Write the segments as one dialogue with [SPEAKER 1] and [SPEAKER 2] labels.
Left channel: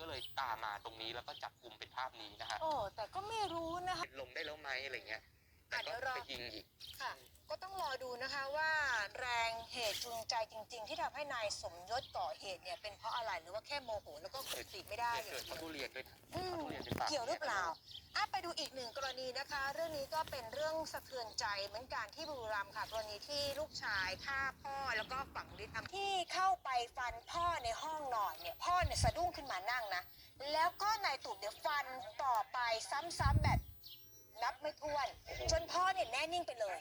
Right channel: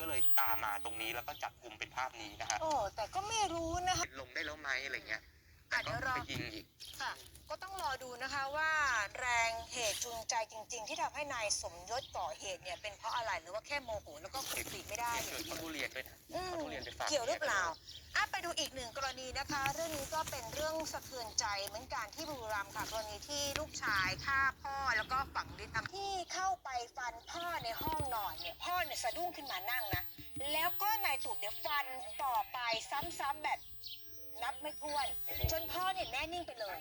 [SPEAKER 1] ก็เลยตามมาตรงนี้แล้วก็จับกลุ่มเป็นภาพนี้นะฮะ
[SPEAKER 2] โอ้แต่ก็ไม่รู้นะคะ
[SPEAKER 1] ลงได้แล้วไหมอะไรเงี้ย แต่ก็
[SPEAKER 2] อะเดี๋ยวรอ
[SPEAKER 1] ไปยิงอีก
[SPEAKER 2] ค่ะก็ต้องรอดูนะคะว่าแรงเหตุจูงใจจริง ๆ ที่ทำให้นายสมยศก่อเหตุเนี่ยเป็นเพราะอะไรหรือว่าแค่โมโหแล้วก็กดปีกไม่ได้
[SPEAKER 1] เกิดเขาทุเรียนด้วยนะ
[SPEAKER 2] อืม
[SPEAKER 1] เขาทุเรียนเป็นปาก
[SPEAKER 2] เกี่ยวหรือเปล่าอะไปดูอีกหนึ่งกรณีนะคะ เรื่องนี้ก็เป็นเรื่องสะเทือนใจเหมือนกันที่บุรีรัมย์ค่ะ กรณีที่ลูกชายฆ่าพ่อแล้วก็ฝังดินที่เข้าไปฟันพ่อในห้องนอนเนี่ย พ่อเนี่ยสะดุ้งขึ้นมานั่งนะ แล้วก็นายตูบเนี่ยฟันต่อไปซ้ำๆแบบ นับไม่ถ้วน จนพ่อเนี่ยแน่นิ่งไปเลย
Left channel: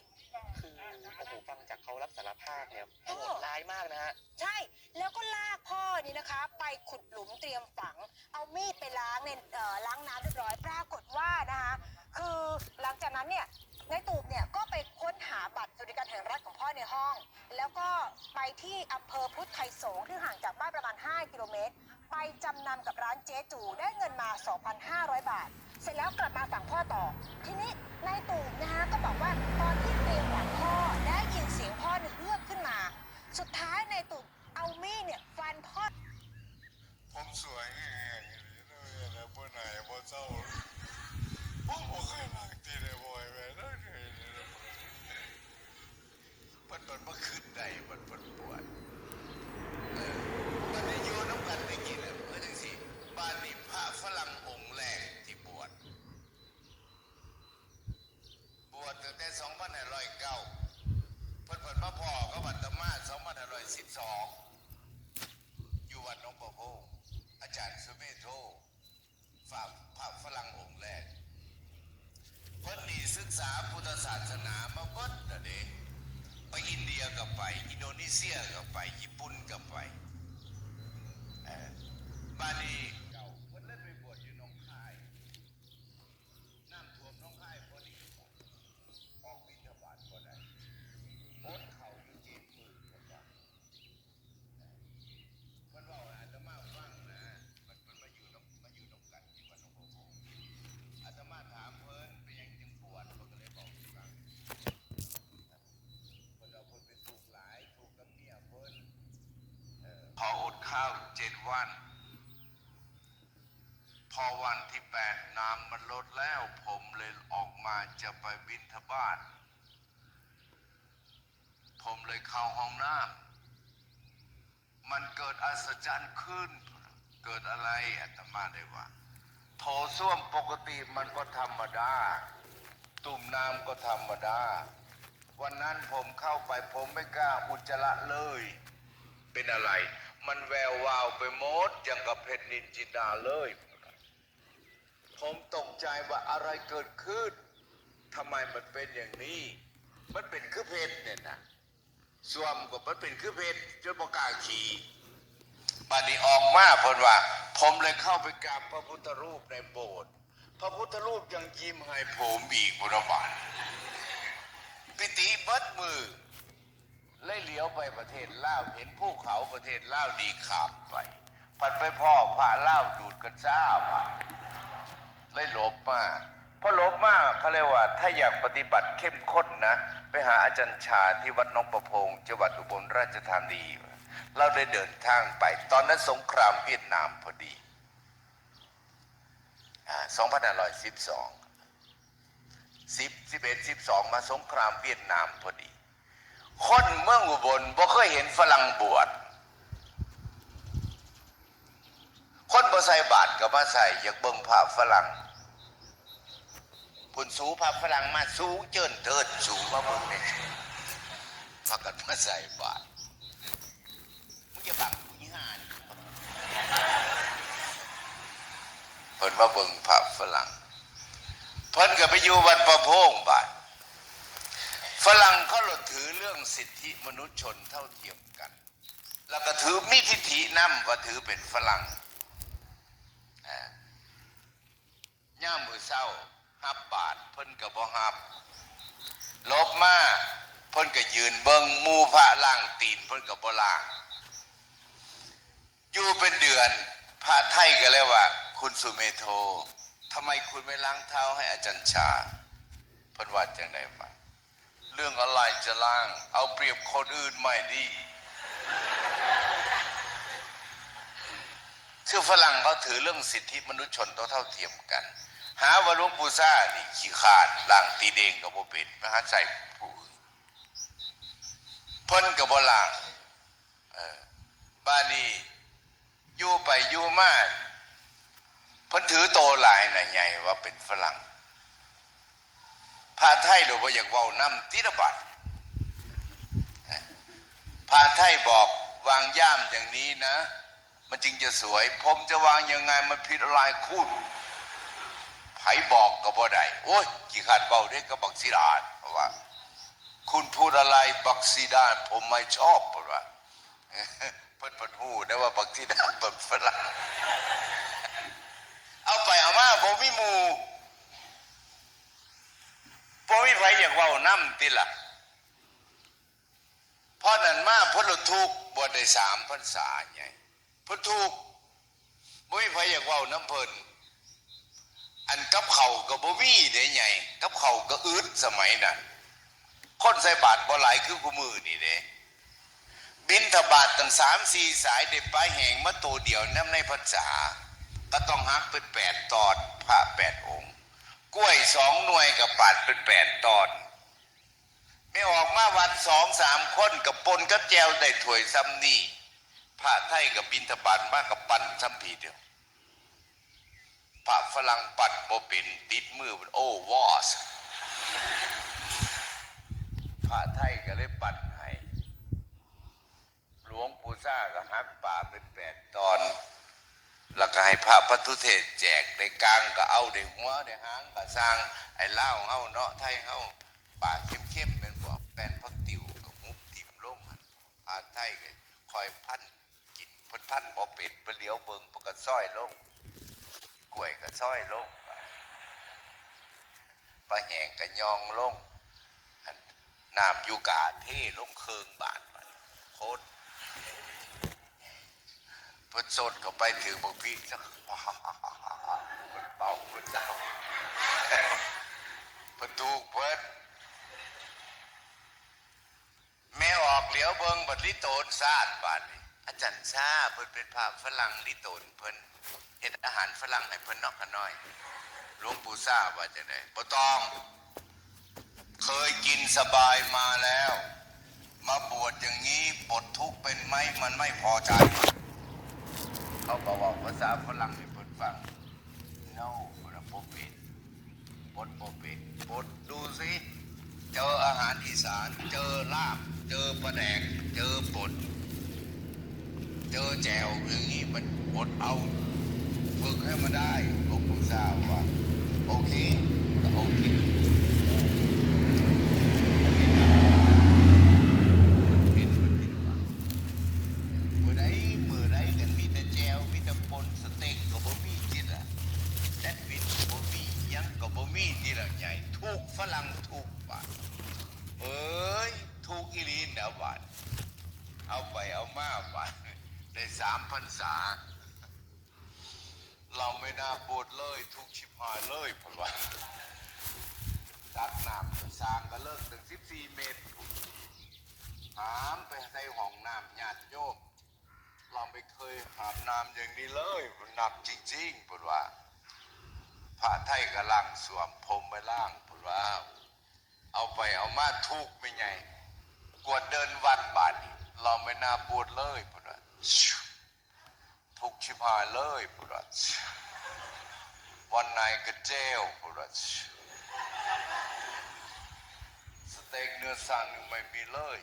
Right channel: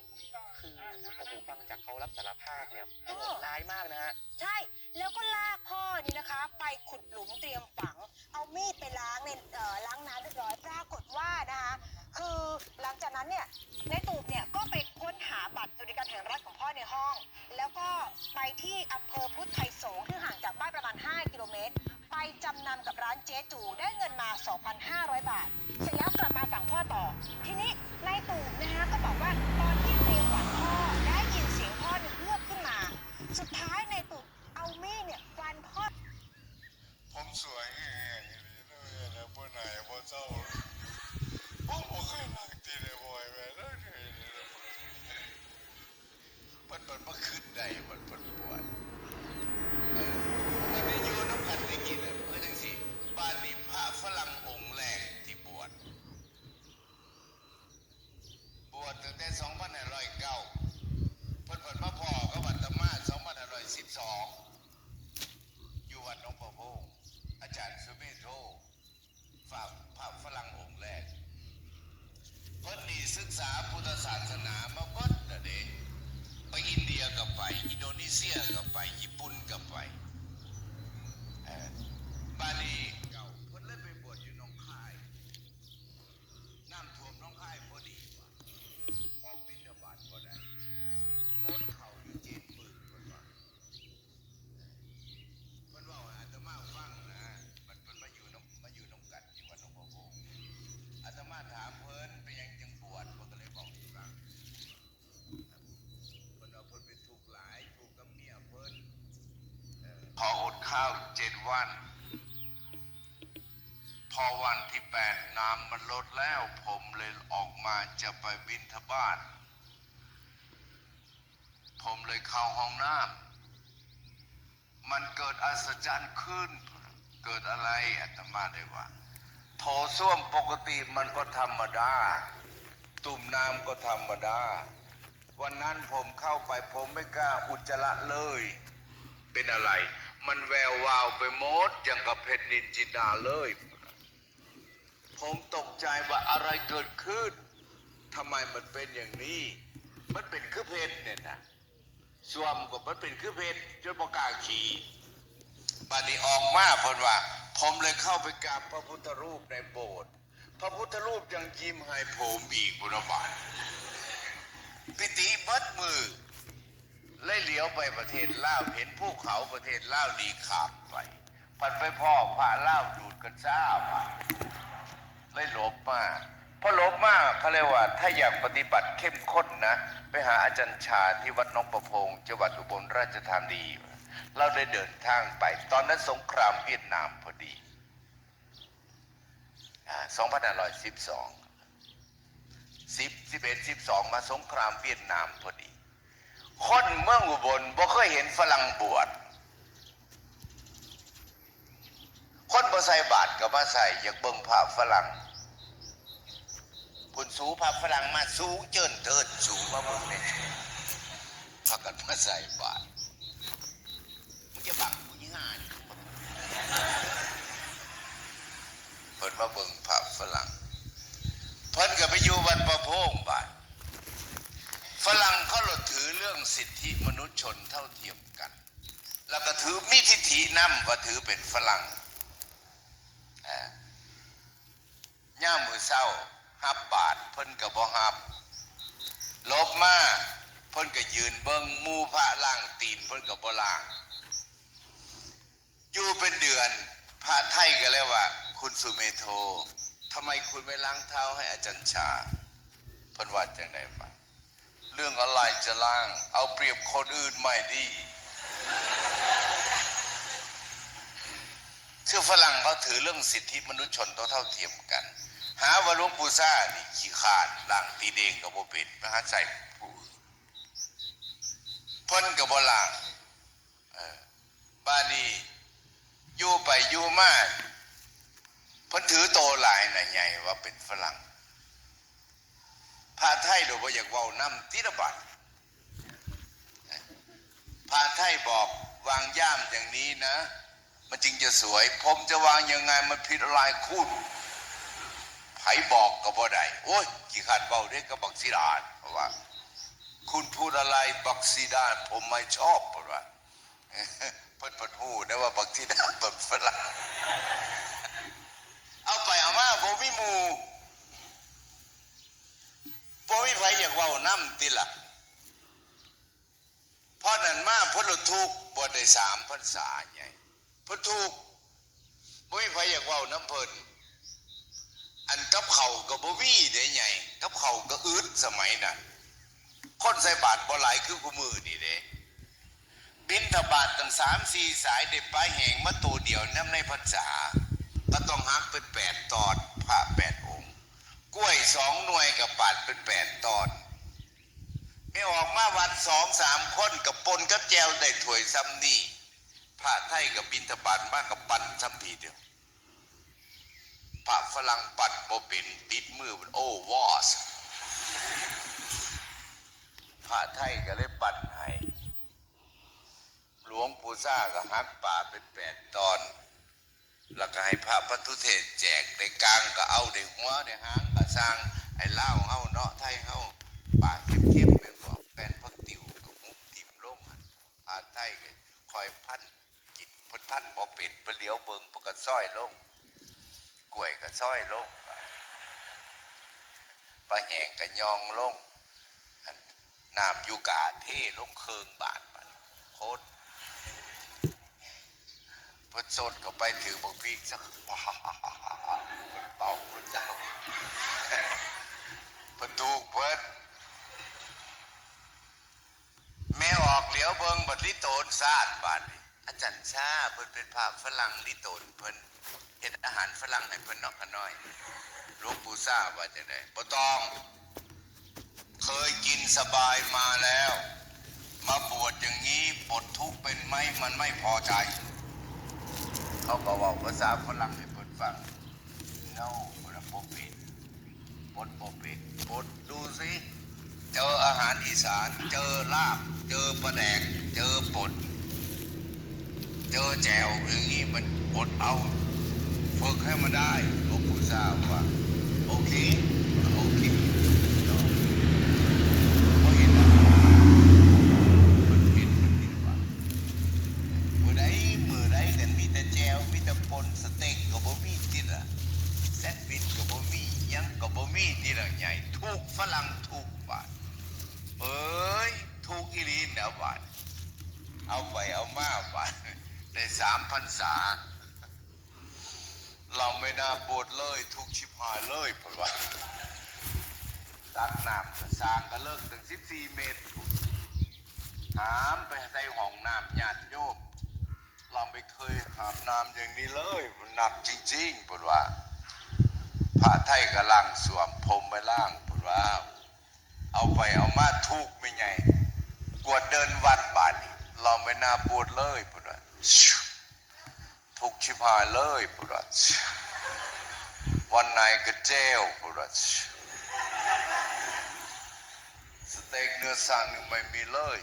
[SPEAKER 1] คือโอ้โหฟังจากเขารับสารภาพเนี่ย
[SPEAKER 2] โอ้
[SPEAKER 1] โหดร้ายมากนะฮะ
[SPEAKER 2] ใช่ แล้วก็ลากพ่อนี่นะคะ ไปขุดหลุมเตรียมฝัง เอามีดไปล้างในเอ่อล้างน้ำเรียบร้อย ปรากฏว่านะคะ คือหลังจากนั้นเนี่ยในตูบเนี่ยก็ไปค้นหาบัตรสวัสดิการแห่งรัฐของพ่อในห้อง แล้วก็ไปที่อำ จ๊จูได้เงินมา 2,500 บาท เสร็จแล้วกลับมาสั่งพ่อต่อ ทีนี้นายตูบนะคะก็บอกว่าตอนที่เตรียมฝังพ่อได้ยินเสียงพ่อเนี่ยเฮือกขึ้นมา สุดท้ายนายตูบเอามีดเนี่ยฟันพ่อ
[SPEAKER 3] ผมสวยแห้งเลยนะพ่อไหนพ่อเจ้าพ่อบอกให้มาจีเลยบ่อยไปแล้วมันมันมาขึ้นได้มันมันปวดเออมันมีอยู่น้ำกันจริงๆจริงสิบ้านนี้พระฝรั่งองค์แรกที่บวชบวชตั้งแต่2509เพิ่นเพิ่นมาพ่อก็วัดตะมา2512 อยู่วัดหนองประพงอาจารย์สุเมโทฝากพระฝรั่งองค์แรกเพิ่นนี่ศึกษาพุทธศาสนามาเบิดน่ะเด้ไปอินเดียก็ไป อินโดนีเซียก็ไป ญี่ปุ่นก็ไปเอ่อบาลีเก่าเพิ่นเลยไปบวชอยู่หนองคาย น้ำท่วมหน้องคายพอดี ออกบิณฑบาตก็ได้โอนเข่าอยู่เจ็ดหมื่นคนว่า มันว่าอาตมาฟังนะ มันมันมาอยู่น้ำมาอยู่น้ำกัดที่วัดหลวงพ่อโพอาตมาถามเพิ่นไปยังจังบวชเพิ่นก็เลยบอกให้ฟังเพิ่นเอาเพิ่นไปถูกหลายถูกกับเมียเพิ่นเอ่อ ข้าวเจ็ดวัน พอวันที่แปดน้ำมันลดแล้วผมเลยออกมาจะไปบินทบาทผมเลยเข้าห้องน้ำมันเกิดอัศจรรย์ขึ้น เกิดอะไรอาตมาได้ว่าโถส้วมปกติมันก็ธรรมดา ตุ่มน้ำก็ธรรมดา วันนั้นผมเข้าไปผมไม่กล้าอุจจาระเลย เป็นอะไร มันแวววาวไปหมดอย่างกับเพชรนินจินดาเลย ผมตกใจว่าอะไรเกิดขึ้นทำไมมันเป็นอย่างนี้ มันเป็นคือเพชรเนี่ยนะสวมกับมันเป็นคือเพชรจนประกาขี่บัดนี้ออกมาพนว่า ผมเลยเข้าไปกราบพระพุทธรูปในโบสถ์พระพุทธรูปยังยิ้มให้ผมอีกพุทธบาปิติบิดมือ เลยเหลียวไปประเทศลาวเห็นภูเขาประเทศลาวดีขาบไปพันไปพ่อพระลาวดูดกันจ้าไปเลยหลบมาพอหลบมากเขาเรียกว่า ถ้าอยากปฏิบัติเข้มข้นนะ ไปหาอาจารย์ชาที่วัดน้องประพงจังหวัดอุบลราชธานีเราได้เดินทางไป ตอนนั้นสงครามเวียดนามพอดีอ่า2512 10 11 12 มาสงครามเวียดนามพอดี คนเมืองอุบลบ่เคยเห็นฝรั่งบวชคนบ่ใส่บาทก็มาใส่อยากเบิ่งภาพฝรั่งพุ่นสูภาพฝรั่งมาสูงเจินเทินสูงมาเบิ่งเนี่ยพากันมาใส่บาทมึงจะบังกูยี่ห้านี่เพิ่นมาเบิ่งภาพฝรั่งเพิ่นก็ไปอยู่วัดประโพงบาทฝรั่งเขาเราถือเรื่อง สิทธิมนุษยชนเท่าเทียมกัน แล้วก็ถือมีทิฐินำว่าถือเป็นฝรั่งอ่ย่ามือเศร้าฮับบาทเพิ่นก็บ่ฮับลบมาเพิ่นก็ยืนเบิงมูพระล่างตีนเพิ่นก็บ่ล่าง อยู่เป็นเดือนพระไทยก็เลยว่า คุณสุเมโททำไมคุณไม่ล้างเท้าให้อาจารย์ชาเพิ่นว่าจังได๋วะ เรื่องอะไรจะล้าง เอาเปรียบคนอื่นไม่ดีคือฝรั่งเขาถือเรื่องสิทธิมนุษยชนเท่าเทียมกัน หาว่าหลวงปู่ซ่านี่ขี้ขาดล่างตีเดงกับโบเป็นนะฮะใส่ผู้เพิ่นกับโบลางบ้านนี้อยู่ไปอยู่มาเพิ่นถือโตหลายน่ะใหญ่ว่าเป็นฝรั่ง พาไทยโดยว่อยากเว้าน้ำติระบัดพาไทยบอกวางย่ามอย่างนี้นะ มันจึงจะสวย ผมจะวางยังไงมันผิดอะไรคุณไผบอกก็บ่ได้โอ้ยกี่ขันเบาได้ก็บักซีดานเพราะว่า คุณพูดอะไรบักซีดาน ผมไม่ชอบเพราะว่าเพิ่นเพิ่นพูดนะว่าบักซีดานแบบฝรั่งเอาไปเอามาบ่มีหมู่บ่มีไผ อยากเว้านํติละพราะนั้นมาพิ่นละทุกข์บ่ได้สามพรรษาใหญ่พุทถูกบ่มีไผอยากว้าน้ำเพิ่นอันกับเขาก็บ่มีได้ไงกับเขาก็อึดสมัยนั้นคนใส่บาตรบ่หลายคือกูมือนี่เด้บินทบาทตั้งสามสี่สายได้ปลายแหงมาตัวเดียวน้ำในพรรษาก็ต้องหักเป็นแปดตอนพระแปดองค์ กล้วยสองหน่วยกับปาดเป็นแปดตอน ไม่ออกมาวันสองสามคนกับปนกับแจวได้ถวยซ้ำนี่พระไทยกับบินทบาทมากกับปั่นซ้ำทีเดียวพระฝรั่งปั่นโบเป็นติดมือมันโอ้วอสพระไทยก็เลยปั่นให้หลวงปู่ซ่าก็หักป่าเป็นแปดตอน แล้วก็ให้พระพัทุเทศแจกในกลางก็เอาในหัวในหางก็สร้างไอ้เล่าเฮาเนาะไทยเฮาป่าเข้มๆเป็นบอกแป้นพักติ๋วกับมุกติ๋มลง ไทยก็คอยพันจิตพันพันบ่เป็นไปเหลียวเบิงปกซ้อยลงกล้วยก็ซ้อยลงปลาแหงก็ยองลงน้ำยูกาเท่ลงเคืองบาทไปโคตรพิ่นสดเข้าไปถือบอกพี่สักว้าเพิ่นเป่าเพิ่นเจ้าพิ่นถูกเพิ่น แม่ออกเหลียวเบิงบัดลิโตนซาดบัดอาจารย์ชาเพิ่นเป็นภาพฝรั่งลิโตนเพิ่นเฮ็ดอาหารฝรั่งให้เพิ่นนอกกันน้อยหลวงปู่ซ่าว่าจะได้บ่ต้อง เคยกินสบายมาแล้ว มาบวชอย่างนี้ปลดทุกข์เป็นไหมมันไม่พอใจ เขาก็เว่าภาษาฝรั่งให้เพิ่นฟัง no ระบบปิดปดบบปิดปดดูสิ เจออาหารอีสาน เจอลาบ เจอปลาแดก เจอปดเจอแจวอย่างนี้มันปดเอาฝึกให้มันได้หลวงปู่ทราบว่าโอเคโอเคมือใดมือใดแต่มีแต่แจวมีแต่ปนสเต็กก็บ่มีที่ละแซนด์วิชก็บ่มีหยังก็บ่มีที่ละใหญ่ถูกฝรั่งถูกบาทเอ้ยถูกอีหลีนะบาทเอาไปเอามาบาทได้สามพันษา เราไม่น่าบวชเลย ทุกชิบหายเลยเพราะว่าตัดน้ำสร้างก็เลิกถึงสิบสี่เมตร ถามไปในห้องน้ำญาติโยมเราไม่เคยหาบน้ำอย่างนี้เลย มันหนักจริงๆเพราะว่าพระไทยกำลังสวมพรมไปล่างเพราะว่า เอาไปเอามาทุกไม่ไงกวดเดินวัดบาทนี่เราไม่น่าบวชเลยเพราะว่า กชิบหายเลยปุรัชวันไหนก็เจลปุรัชสเต็กเนื้อสันหนึ่งไม่มีเลย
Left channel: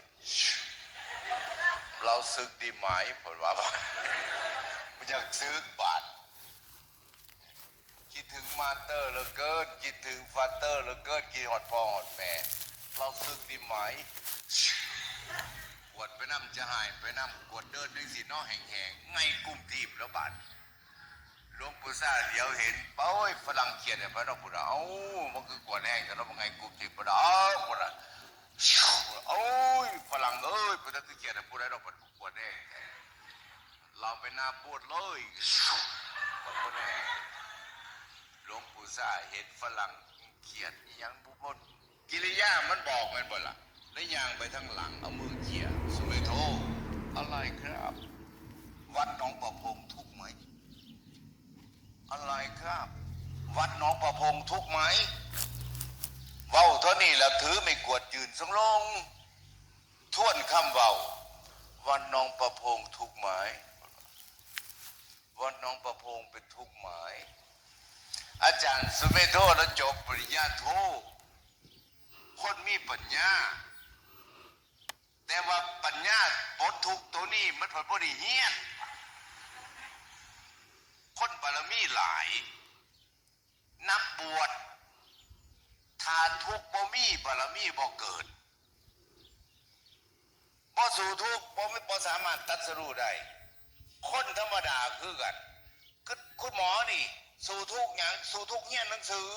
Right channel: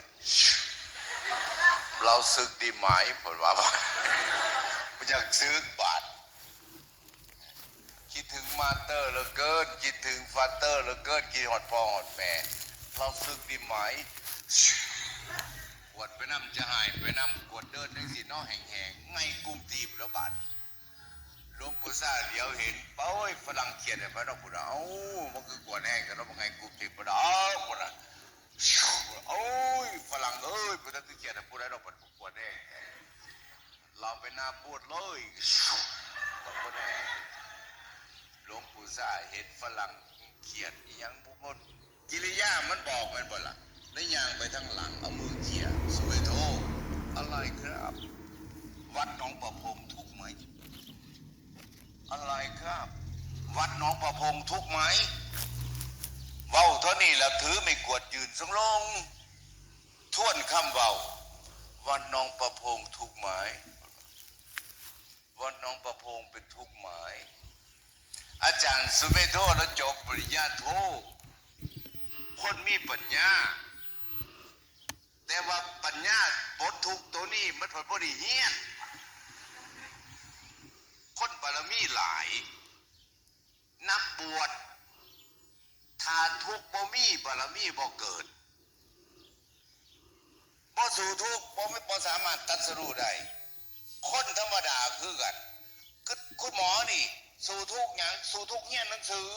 [SPEAKER 3] เราซึกดีไหมปุว่าไม่อยากซื้อบาทคิดถึงมาเตอร์เหลือเกิน คิดถึงฟาเตอร์เหลือเกินคิดหอดพ่อหอดแม่เราซึกดีไหมกวดไปน้ำจะหายไปน้ำกวดเดินในสีน้อแห่งๆไงกมทีบแล้วบาดหลวงปู่ซ่าเดี๋ยวเห็นเป้ย ฝรั่งเขียนเนี่ยพระเราพูดเอ้ามันคือกวดแห้งแต่เราเป็นไงกลุ่มทีบพระเราพูดโอ้ยฝรั่งเอ้ยพระเราเขียนเนี่ยพูดได้เราเป็นกวดแห้งเราไปหน้าปวดเลยกวดแห้งหลวงปู่ซ่าเห็นฝรั่งเขียนยังบุบดกิริยามันบอกมันบ่ล่ะแล้วยางไปทางหลังเอามือเขี่ยสวยโทอะไรครับ วัดหนองประพงทุกไหมอะไรครับ วัดน้องประพงทุกไหมเว้าเท่านี้แล้วถือไม่กวดยืนสำลงท่วนคำเว้าวัดน้องประพงทุกไหมวัดน้องประพงเป็นทุกไหมอาจารย์สุเมโทแล้วจบปริญญาโทคนมีปัญญา แต่ว่าปัญญาปลดทุกตัวนี้มันผลบ่ได้เฮียนบารมีหลาย นักบ วชถ้าทุกบ่มีบารมีบ่เกิดบ่สู่ทุกบ่ไม่บ่สามารถตัดสู้ได้คนธรรมดาคือกันคือคุณหมอนี่ สู่ทุกอย่างสู่ทุกเฮียหนังสือ